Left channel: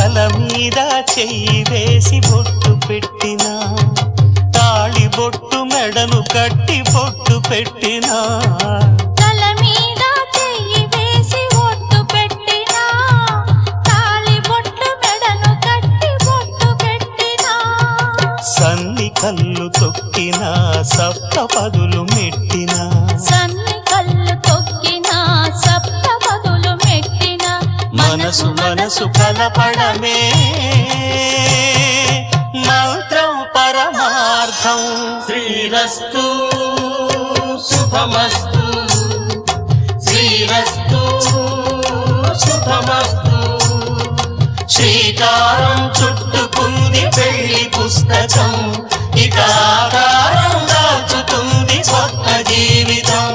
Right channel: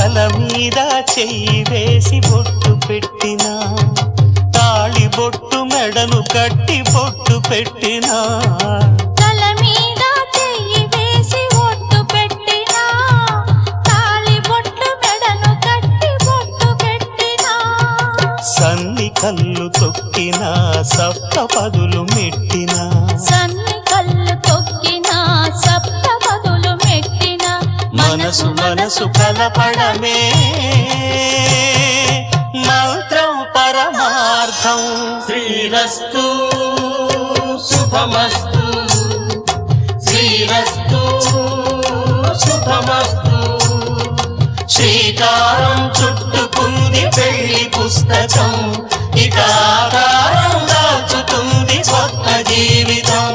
తల మీద చెయ్యి వేసి బొట్టు పెట్టినా, తాళి బొట్టు మెడను కట్టి బొట్టు పెట్టినా, తల మీద చెయ్యి వేసి బొట్టు పెట్టినా, తాళి బొట్టు మెడను కట్టి బొట్టు పెట్టినా, సన్ని కళ్ళు తొక్కినా సప్త పదులు మెట్టినా, సన్ని కళ్ళు తొక్కినా సప్త పదులు మెట్టినా, మనసు మనసు కలపడమే మంత్రం పరమార్థం. శ్రీరస్తు శుభమస్తు, శ్రీరస్తు శుభమస్తు. శ్రీకారం చుట్టుకుంది పెళ్లి పుస్తకం, ఇక ఆకారం దాచుతుంది కొత్త జీవితం.